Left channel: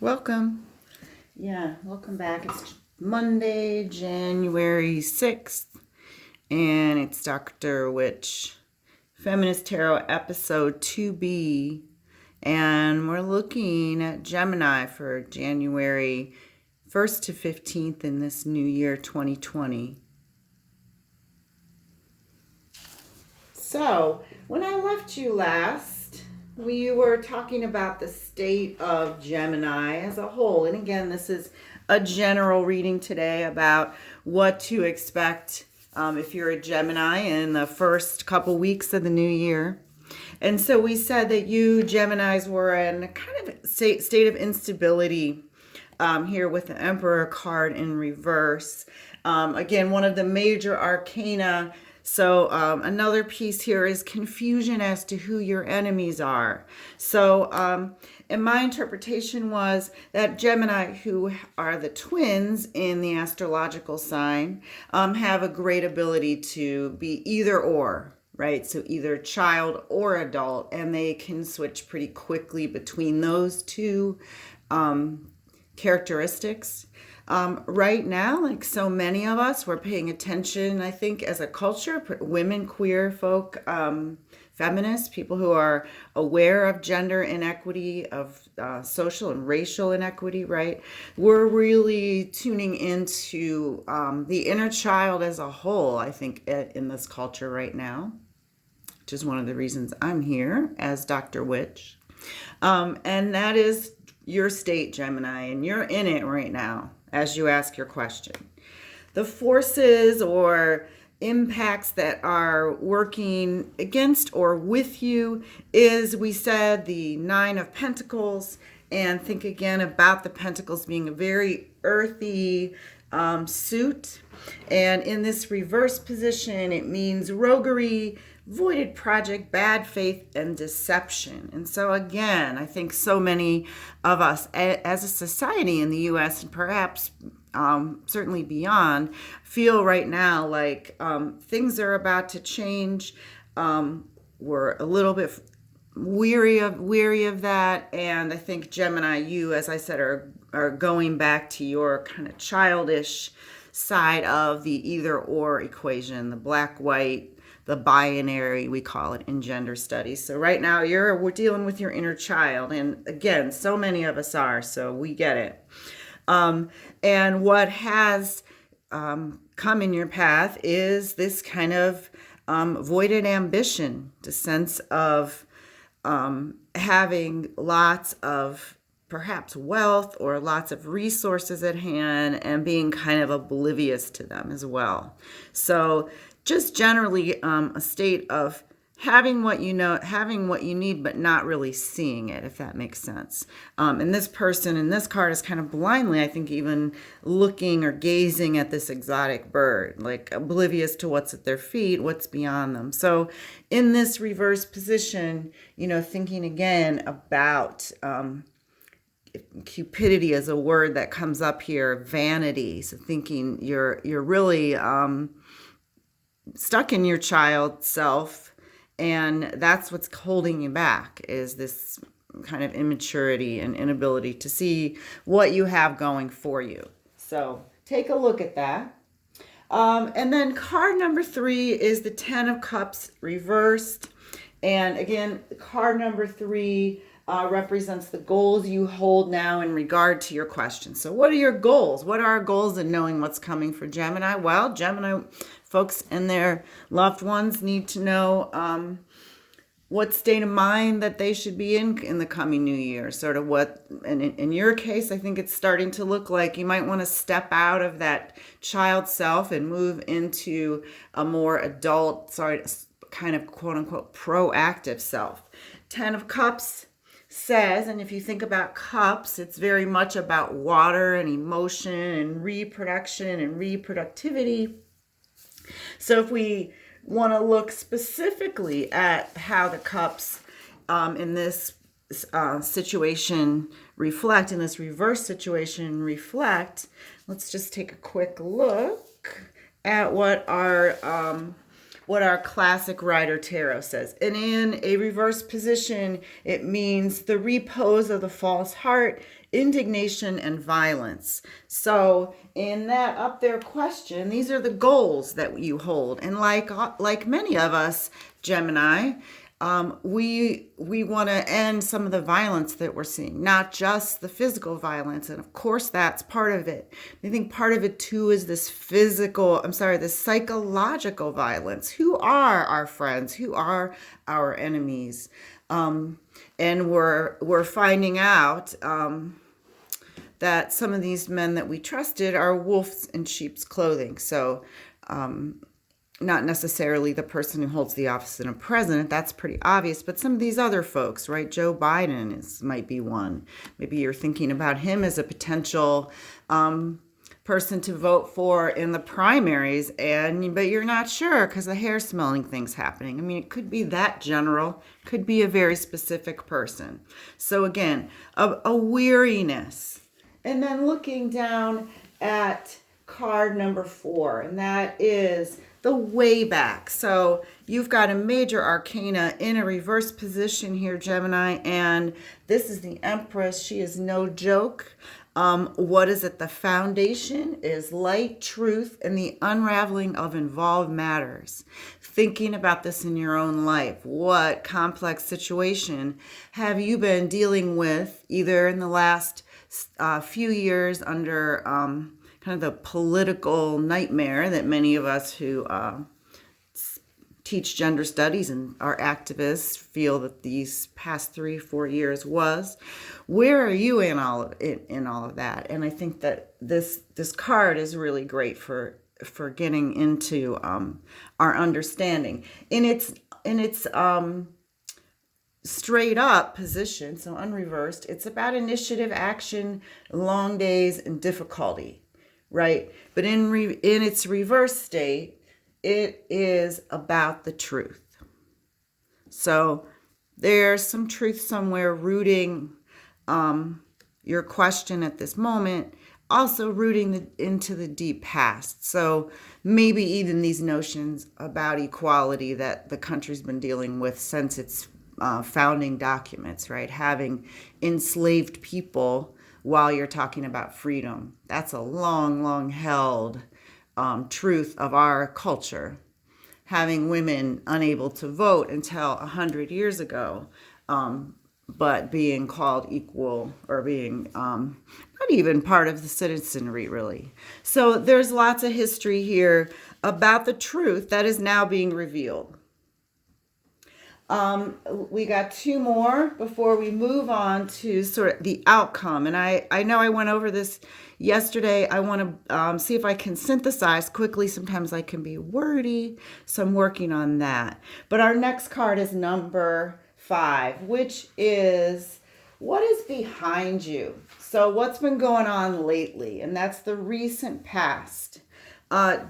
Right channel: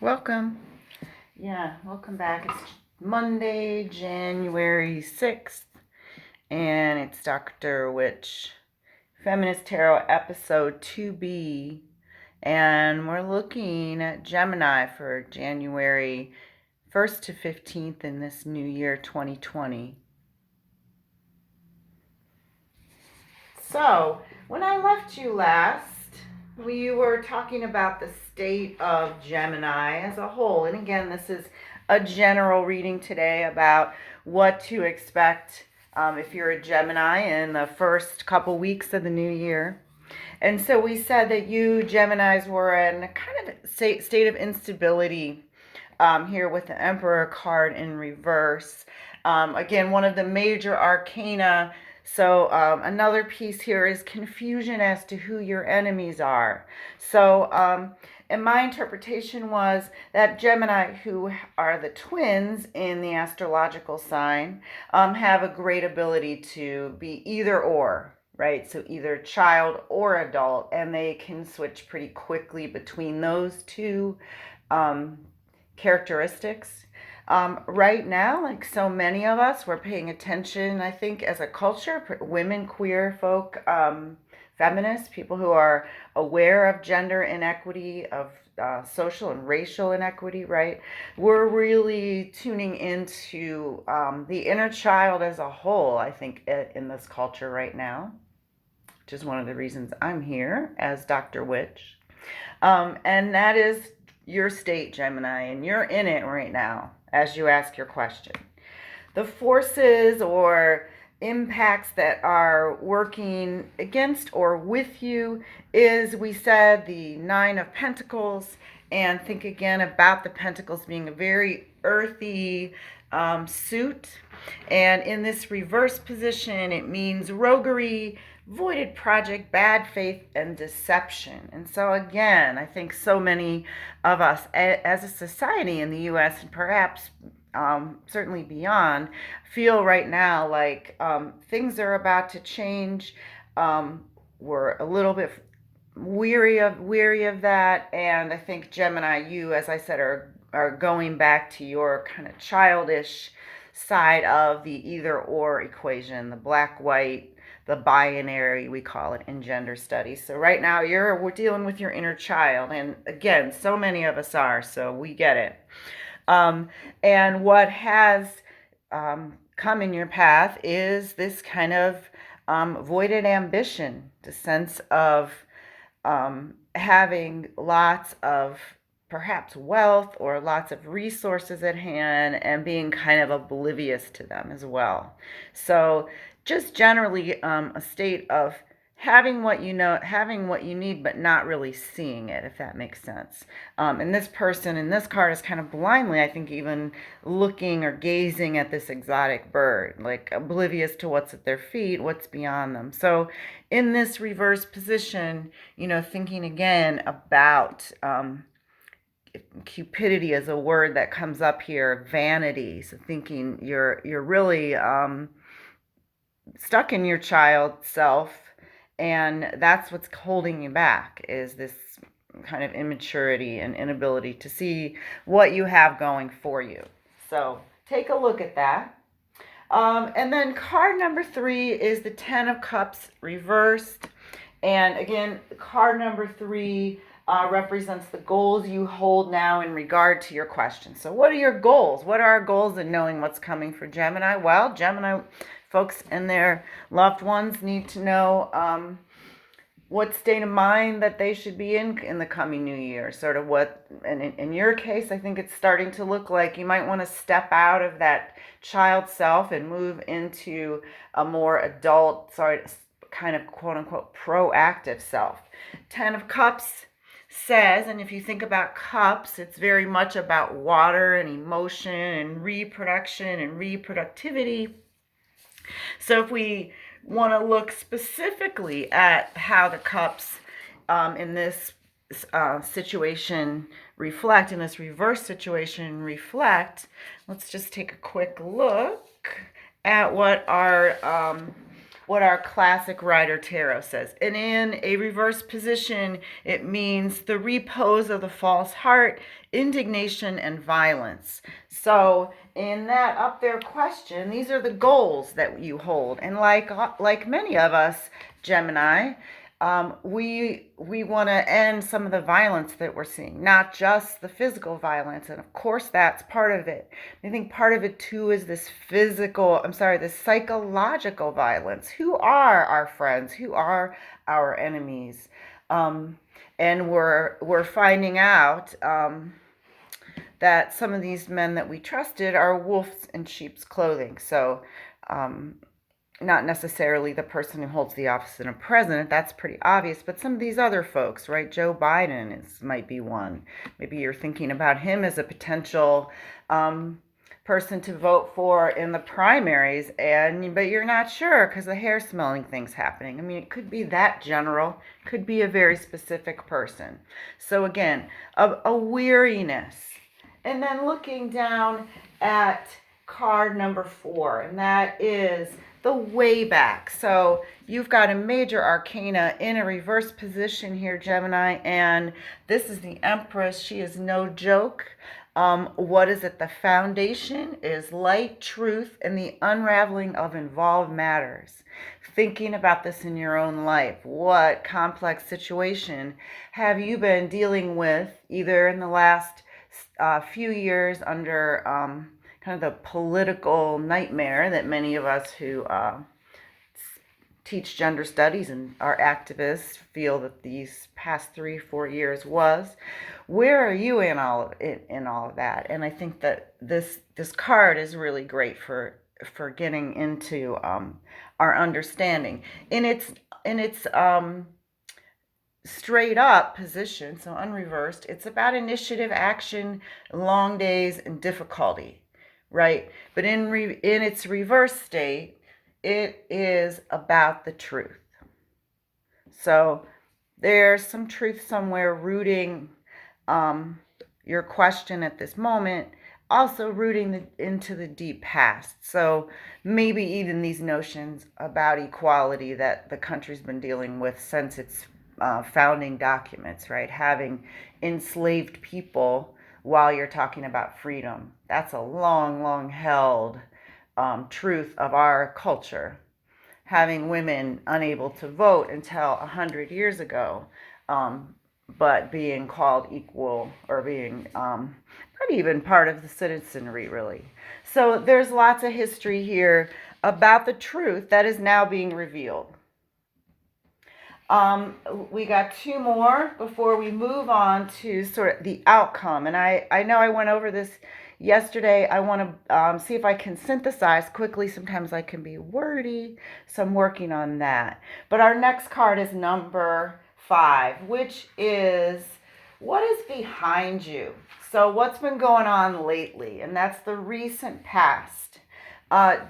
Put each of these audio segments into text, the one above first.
Welcome. Yeah, welcome back. It's Monday, January 6th, and it's Dr. Witch Feminist Tarot episode 2B. And we're looking at Gemini for January 1st to 15th in this new year, 2020. So, when I left you last, we were talking about the state of Gemini as a whole. And again, this is a general reading today about what to expect if you're a Gemini in the first couple weeks of the new year. And so we said that you Geminis were in a kind of state of instability here with the Emperor card in reverse. Again, one of the major arcana. So another piece here is confusion as to who your enemies are. So and my interpretation was that Gemini, who are the twins in the astrological sign, have a great ability to be either or, right? So either child or adult, and they can switch pretty quickly between those two characteristics. Right now, like so many of us, we're paying attention, I think, as a culture, women, queer folk, feminists, people who are aware of gender inequity, of social and racial inequity, right? We're really tuning into the inner child as a whole, I think, in this culture right now, which is one of the reasons I'm here as Dr. Witch. And that is your state, Gemini, and you're in it right now as you ask your question. The forces or impacts that are working against or with you is, we said, the Nine of Pentacles. And think again about the Pentacles being a very earthy suit. And in this reverse position, it means roguery, voided project, bad faith, and deception. And so again, I think so many of us as a society in the US and perhaps certainly beyond feel right now like things are about to change. We're a little bit weary of that, and I think Gemini, you, as I said, are going back to your kind of childish side of the either or equation, the black white, the binary, we call it in gender studies. So right now we're dealing with your inner child, and again, so many of us are, so we get it. And what has come in your path is this kind of voided ambition, the sense of having lots of perhaps wealth or lots of resources at hand and being kind of oblivious to them as well. So just generally a state of having what you know, having what you need, but not really seeing it, if that makes sense. And this person in this card is kind of blindly, I think, even looking or gazing at this exotic bird, like oblivious to what's at their feet, what's beyond them. So in this reverse position, thinking again about cupidity is a word that comes up here, vanity. So thinking you're really stuck in your child self, and that's what's holding you back, is this kind of immaturity and inability to see what you have going for you. So take a look at that. And then card number 3 is the Ten of Cups reversed. And again, card number 3 represents the goals you hold now in regard to your question. So what are your goals? What are our goals in knowing what's coming for Gemini? Well, Gemini folks and their loved ones need to know what state of mind that they should be in the coming new year. Sort of what, and in your case, I think it's starting to look like you might want to step out of that child self and move into a more adult, kind of quote unquote proactive self. Ten of Cups says, and if you think about cups, it's very much about water and emotion and reproduction and reproductivity. So if we want to look specifically at how the cups in this situation reflect, in this reverse situation let's just take a quick look at what our what our classic Rider Tarot says. And in a reverse position, it means the repose of the false heart, indignation, and violence. So in that up there question, these are the goals that you hold. And like many of us, Gemini, we want to end some of the violence that we're seeing, not just the physical violence. And of course, that's part of it. I think part of it too is this this psychological violence. Who are our friends? Who are our enemies? And we're finding out that some of these men that we trusted are wolves in sheep's clothing. So, not necessarily the person who holds the office of a president, that's pretty obvious, but some of these other folks, right? Joe Biden might be one. Maybe you're thinking about him as a potential person to vote for in the primaries, but you're not sure because the hair smelling thing's happening. I mean, it could be that general, could be a very specific person. So again, a weariness. And then looking down at card number 4, and that is the way back. So you've got a major arcana in a reverse position here, Gemini, and this is the Empress. She is no joke. What is it? The foundation is light, truth, and the unraveling of involved matters. Thinking about this in your own life. What complex situation have you been dealing with either in the last few years under kind of the political nightmare that many of us who teach gender studies and are activists feel that these past 3-4 years was. Where are you in all of that? And I think that this card is really great for getting into our understanding in its straight up position, so unreversed. It's about initiative, action, long days, and difficulty, right? But in its reverse state, it is about the truth. So there's some truth somewhere rooting your question at this moment, also rooting into the deep past. So maybe even these notions about equality that the country's been dealing with since its founding documents, right? Having enslaved people while you're talking about freedom. That's a long held truth of our culture. Having women unable to vote until 100 years ago, but being called equal or being not even part of the citizenry, really. So there's lots of history here about the truth that is now being revealed. We got 2 more before we move on to sort of the outcome. And I know I went over this yesterday. I want to see if I can synthesize quickly. Sometimes I can be wordy, so I'm working on that. But our next card is number 5, which is what is behind you. So what's been going on lately? And that's the recent past.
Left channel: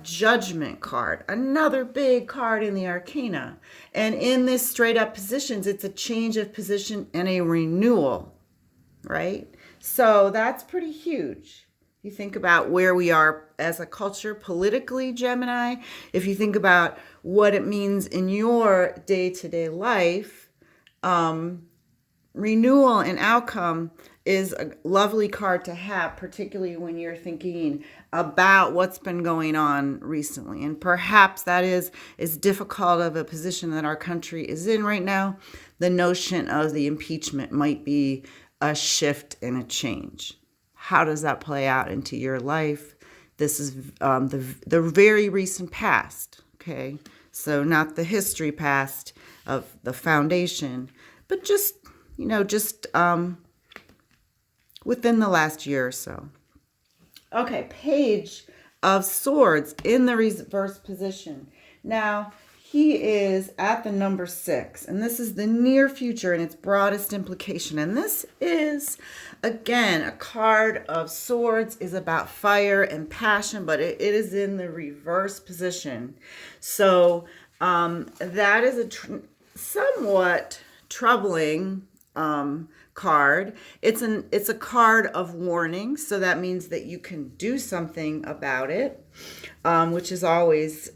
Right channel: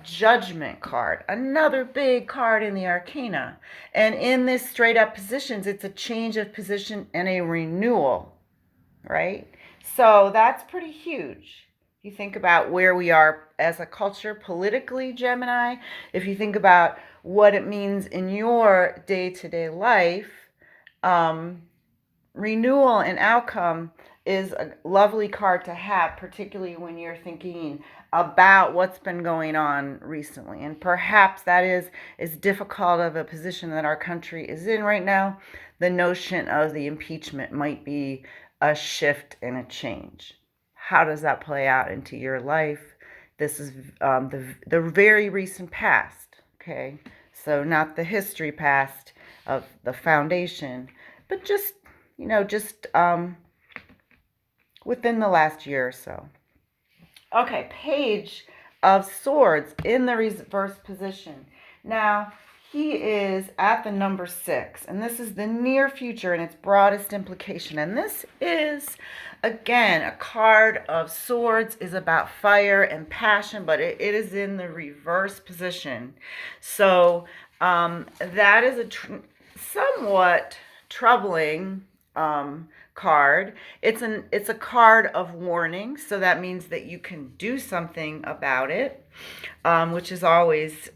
Judgment card, another big card in the arcana. And in this straight up positions, it's a change of position and a renewal, right? So that's pretty huge. You think about where we are as a culture politically, Gemini. If you think about what it means in your day-to-day life, renewal and outcome is a lovely card to have, particularly when you're thinking about what's been going on recently. And perhaps that is as difficult of a position that our country is in right now. The notion of the impeachment might be a shift and a change. How does that play out into your life? This is the very recent past, okay? So not the history past of the foundation, but just within the last year or so. Okay, Page of Swords in the reverse position. Now, he is at the number 6, and this is the near future in its broadest implication. And this is, again, a card of swords is about fire and passion, but it is in the reverse position. So that is a somewhat troubling card. It's a card of warning, so that means that you can do something about it, which is always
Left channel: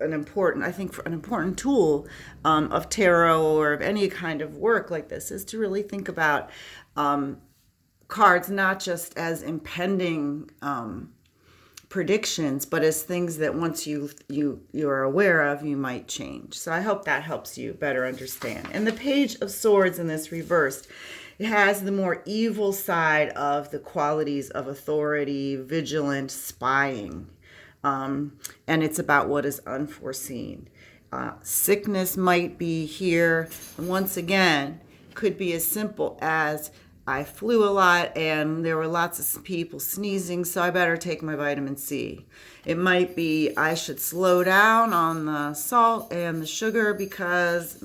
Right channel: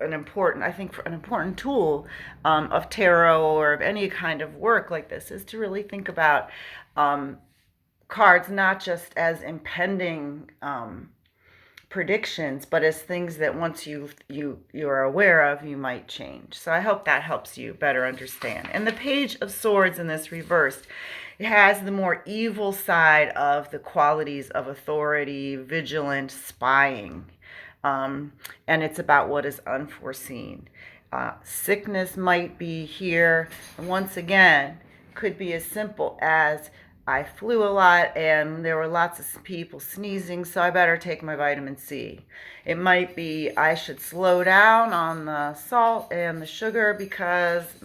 an important, I think, an important tool of tarot or of any kind of work like this is to really think about cards not just as impending predictions, but as things that once you're aware of, you might change. So I hope that helps you better understand. And the Page of Swords in this reversed, it has the more evil side of the qualities of authority, vigilant, spying. And it's about what is unforeseen. Sickness might be here. And once again, could be as simple as I flew a lot and there were lots of people sneezing, so I better take my vitamin C. It might be I should slow down on the salt and the sugar because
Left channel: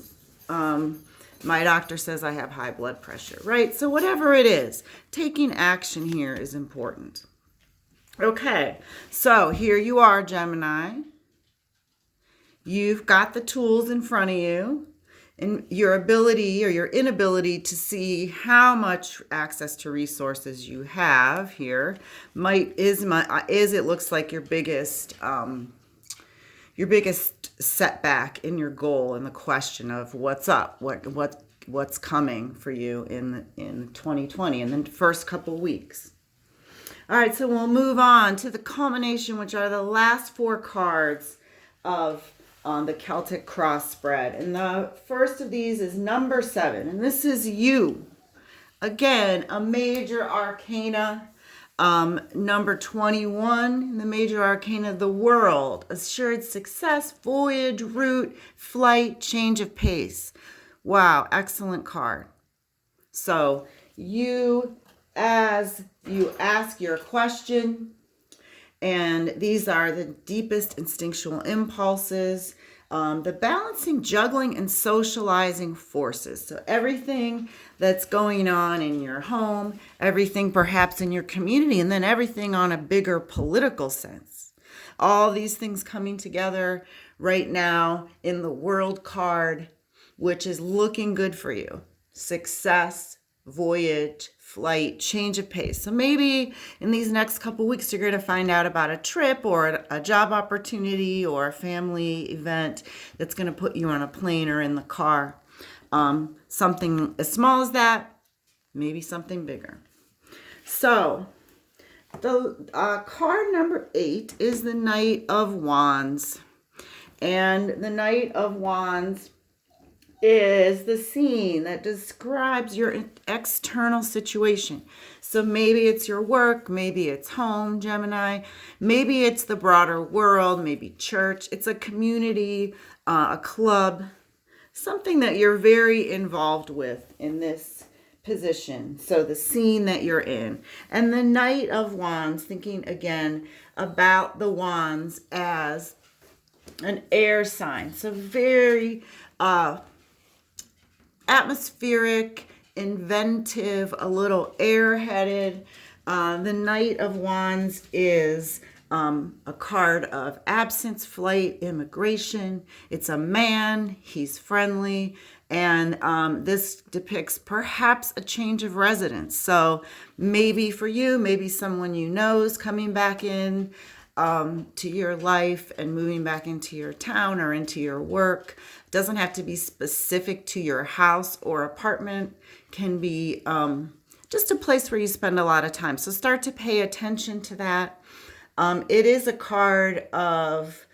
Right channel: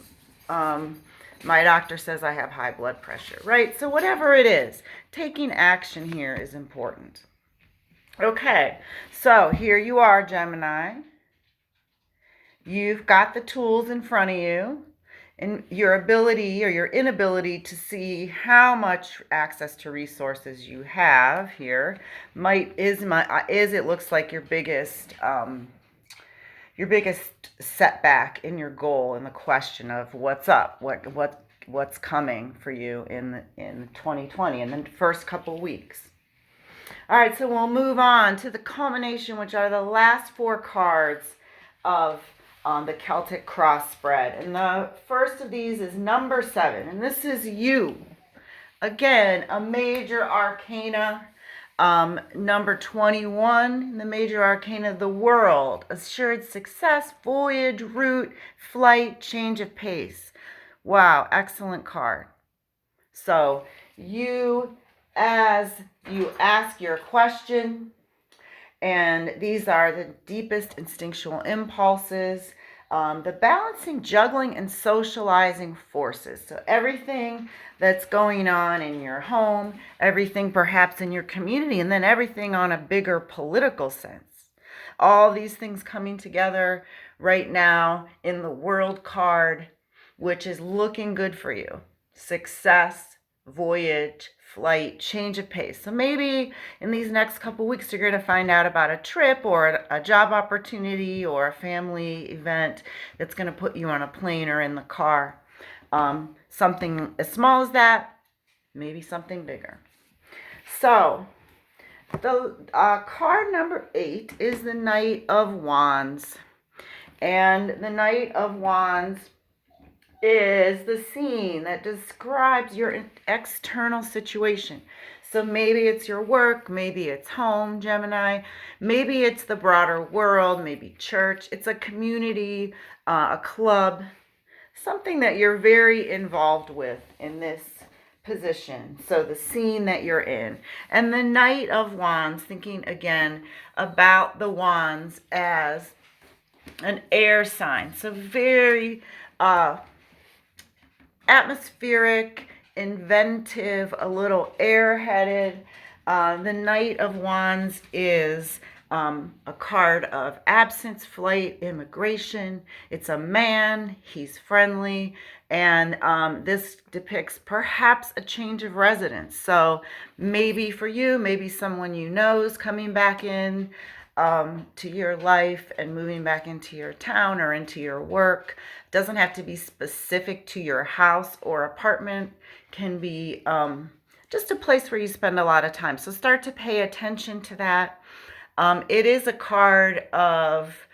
my doctor says I have high blood pressure, right? So whatever it is, taking action here is important. Okay, so here you are, Gemini. You've got the tools in front of you, and your ability or your inability to see how much access to resources you have here is it looks like your biggest setback in your goal and the question of what's up, what's coming for you in 2020 in the first couple weeks. All right, so we'll move on to the culmination, which are the last four cards of the Celtic cross spread. And the first of these is number 7, and this is you. Again, a major arcana. Number 21, the major arcana, the world, assured success, voyage, route, flight, change of pace. Wow, excellent card. So as you ask your question, and these are the deepest instinctual impulses, the balancing, juggling, and socializing forces. So everything that's going on in your home, everything perhaps in your community, and then everything on a bigger political sense. All these things coming together right now in the world card, which is looking good for you. Success, voyage, flight, change of pace. So maybe in these next couple weeks, you're going to find out about a trip or a job opportunity or a family event that's going to put you on a plane or in the car. Something as small as that, maybe something bigger. So the card number 8 is the Knight of Wands. And the Knight of Wands is the scene that describes your external situation. So maybe it's your work, maybe it's home, Gemini, maybe it's the broader world, maybe church. It's a community, a club, something that you're very involved with in this position. So the scene that you're in. And the Knight of Wands, thinking again about the wands as an air sign. So very atmospheric, inventive, a little airheaded. The Knight of Wands is a card of absence, flight, immigration. It's a man, he's friendly, and this depicts perhaps a change of residence. So maybe for you, maybe someone you know is coming back in to your life and moving back into your town or into your work. Doesn't have to be specific to your house or apartment. Can be just a place where you spend a lot of time. So start to pay attention to that. It is a card of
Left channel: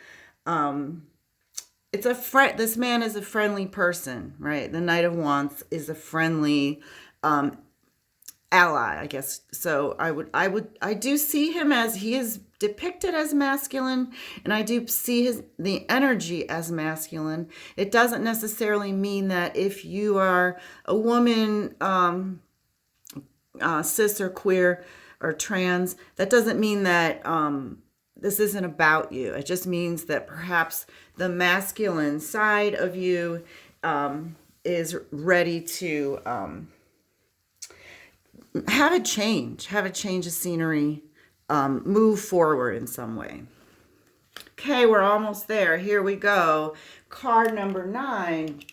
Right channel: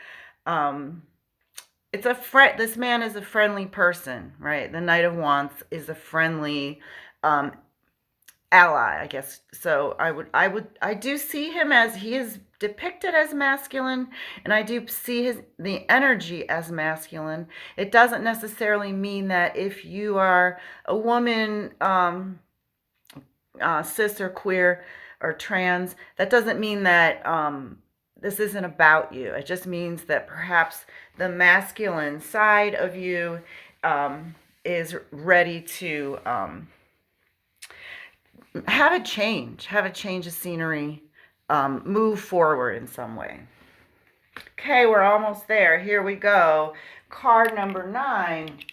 this man is a friendly person, right? The Knight of Wands is a friendly ally, I guess. So I do see him as he is depicted as masculine, and I do see the energy as masculine. It doesn't necessarily mean that if you are a woman, cis or queer or trans, that doesn't mean that this isn't about you. It just means that perhaps the masculine side of you is ready to have a change of scenery, move forward in some way. Okay, we're almost there. Here we go. Card number 9.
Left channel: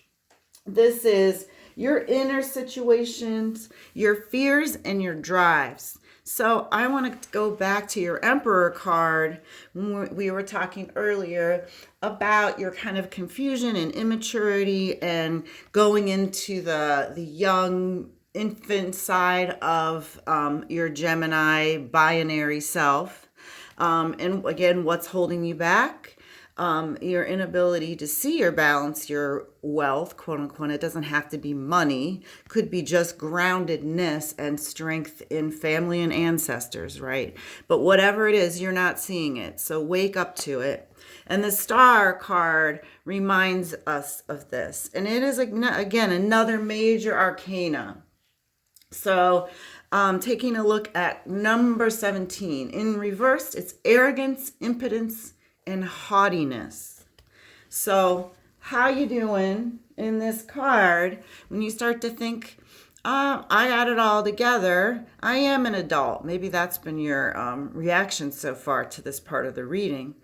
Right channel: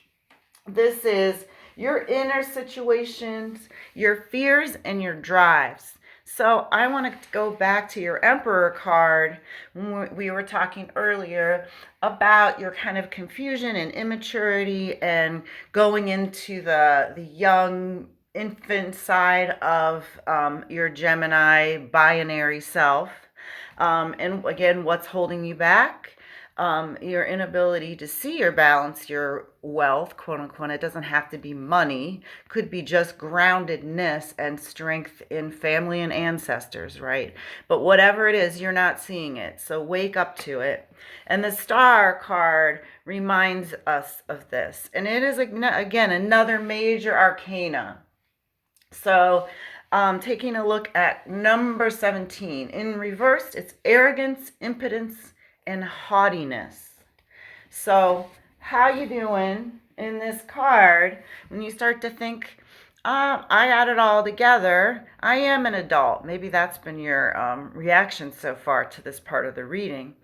This is your inner situations, your fears, and your drives. So I want to go back to your Emperor card when we were talking earlier about your kind of confusion and immaturity and going into the young infant side of your Gemini binary self. And again, what's holding you back? Your inability to see or balance your wealth, quote unquote. It doesn't have to be money, could be just groundedness and strength in family and ancestors, right? But whatever it is, you're not seeing it. So wake up to it. And the star card reminds us of this. And it is, again, another major arcana. So, taking a look at number 17 in reverse, it's arrogance, impotence, and haughtiness. So, how you doing in this card when you start to think, I add it all together. I am an adult. Maybe that's been your reaction so far to this part of the reading.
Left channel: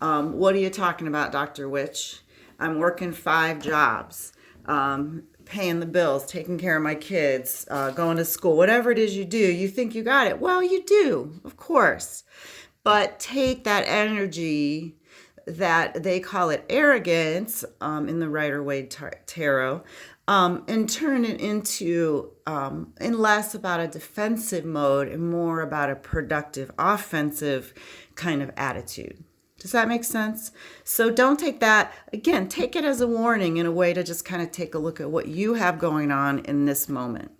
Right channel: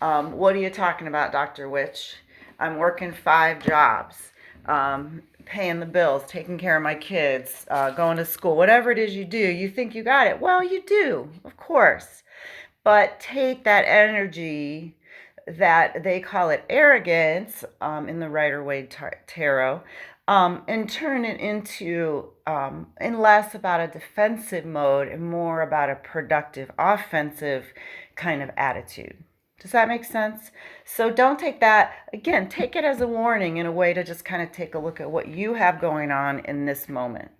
What are you talking about, Dr. Witch? I'm working 5 jobs, paying the bills, taking care of my kids, going to school, whatever it is you do. You think you got it. Well, you do, of course. But take that energy that they call it arrogance in the Rider-Waite Tarot and turn it into in less about a defensive mode and more about a productive, offensive kind of attitude. Does that make sense? So don't take that, again, take it as a warning in a way to just kind of take a look at what you have going on in this moment.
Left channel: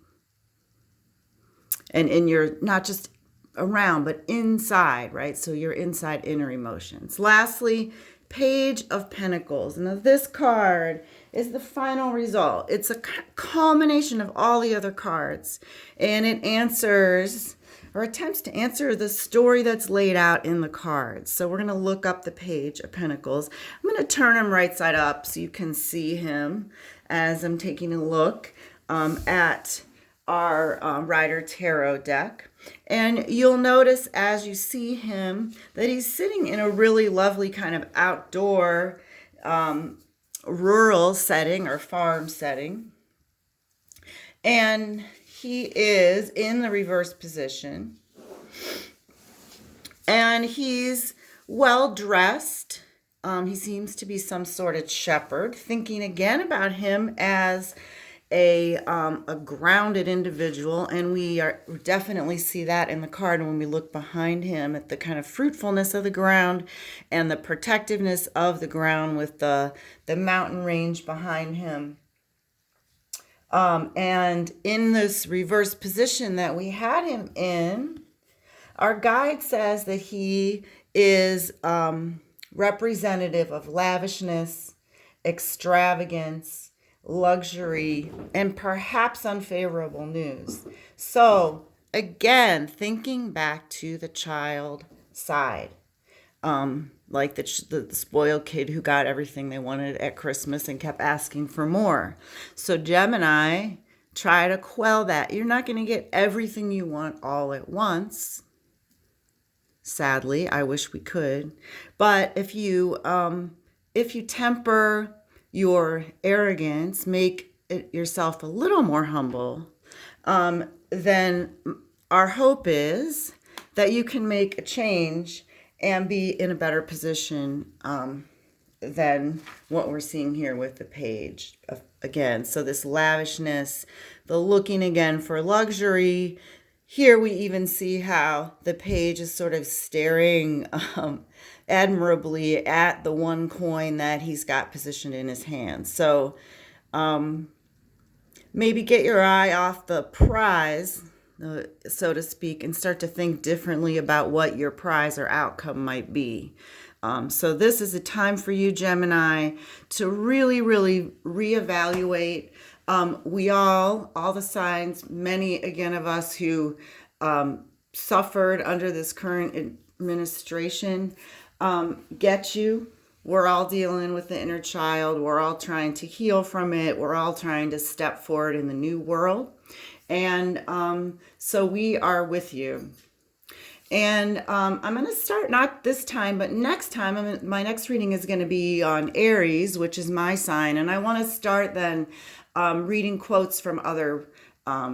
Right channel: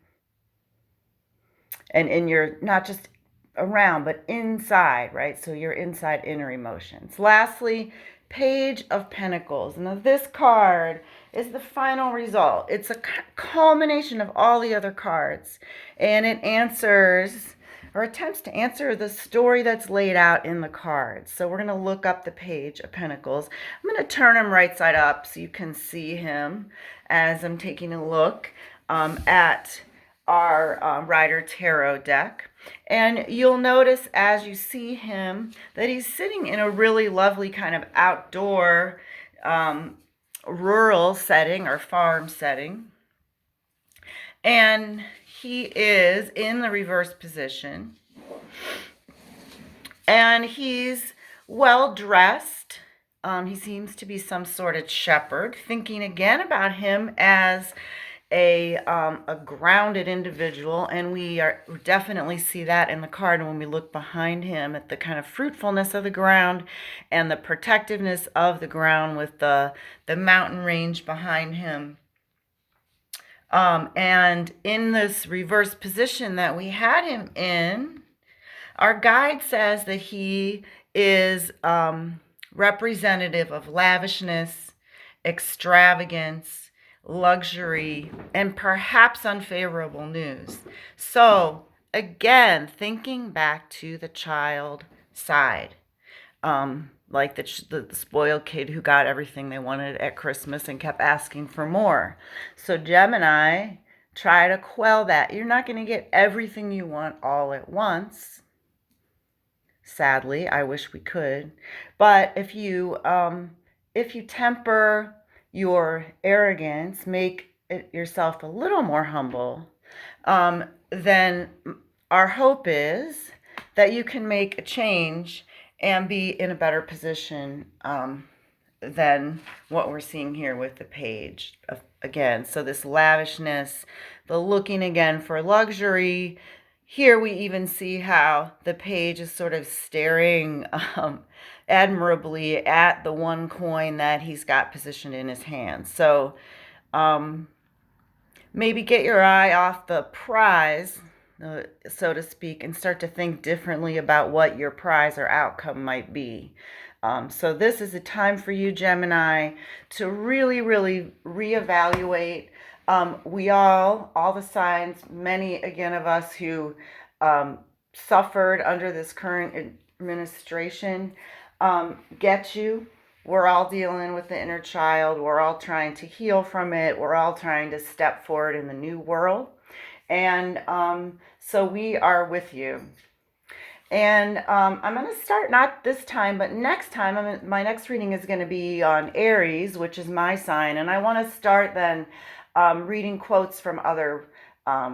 And in your, not just around, but inside, right? So your inside inner emotions. Lastly, Page of Pentacles. Now this card is the final result. It's a culmination of all the other cards. And it answers or attempts to answer the story that's laid out in the cards. So we're going to look up the Page of Pentacles. I'm going to turn him right side up so you can see him as I'm taking a look at our Rider Tarot deck. And you'll notice as you see him that he's sitting in a really lovely kind of outdoor rural setting or farm setting. And he is in the reverse position. And he's well dressed. He seems to be some sort of shepherd, thinking again about him as a grounded individual, and we definitely see that in the card when we look behind him at the kind of fruitfulness of the ground and the protectiveness of the ground with the mountain range behind him. And in this reverse position that we had him in, our guide says that he is representative of lavishness, extravagance, luxury, and perhaps unfavorable news. So again, thinking back to the child side, like the spoiled kid who got everything they wanted at Christmas and kept asking for more. So Gemini, try to quell that. You're not going to get everything you want all at once. Sadly, I wish we could. But if you temper your arrogance, make yourself a little more humble, then our hope is that you can make a change and be in a better position than what we're seeing here with the Page. Again, so this lavishness, the looking again for luxury. Here we even see how the Page is sort of staring admirably at the one coin that he's got positioned in his hand. So maybe get your eye off the prize, so to speak, and start to think differently about what your prize or outcome might be. So this is a time for you, Gemini, to really, really reevaluate. We all the signs, many again of us who suffered under this current administration, get you. We're all dealing with the inner child. We're all trying to heal from it. We're all trying to step forward in the new world. And so we are with you. And I'm going to start, not this time, but next time. My next reading is going to be on Aries, which is my sign. And I want to start then reading quotes from other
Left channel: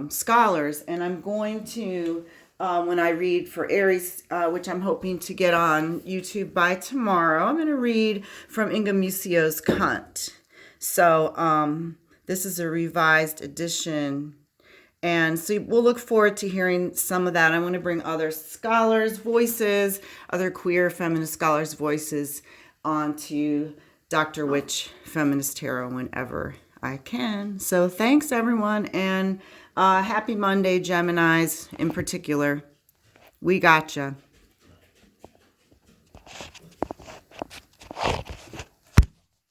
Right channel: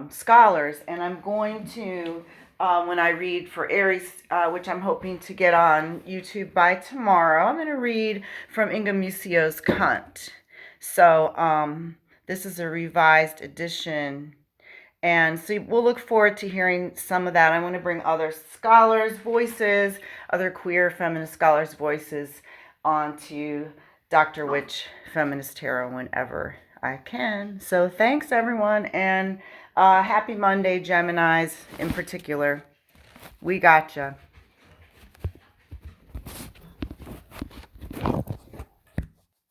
scholars. And I'm going to when I read for Aries, which I'm hoping to get on YouTube by tomorrow. I'm going to read from Inga Mucio's Cunt. So this is a revised edition. And so we'll look forward to hearing some of that. I want to bring other scholars' voices, other queer feminist scholars' voices onto Dr. Witch Feminist Tarot whenever I can. So thanks, everyone, and happy Monday, Geminis in particular. We gotcha.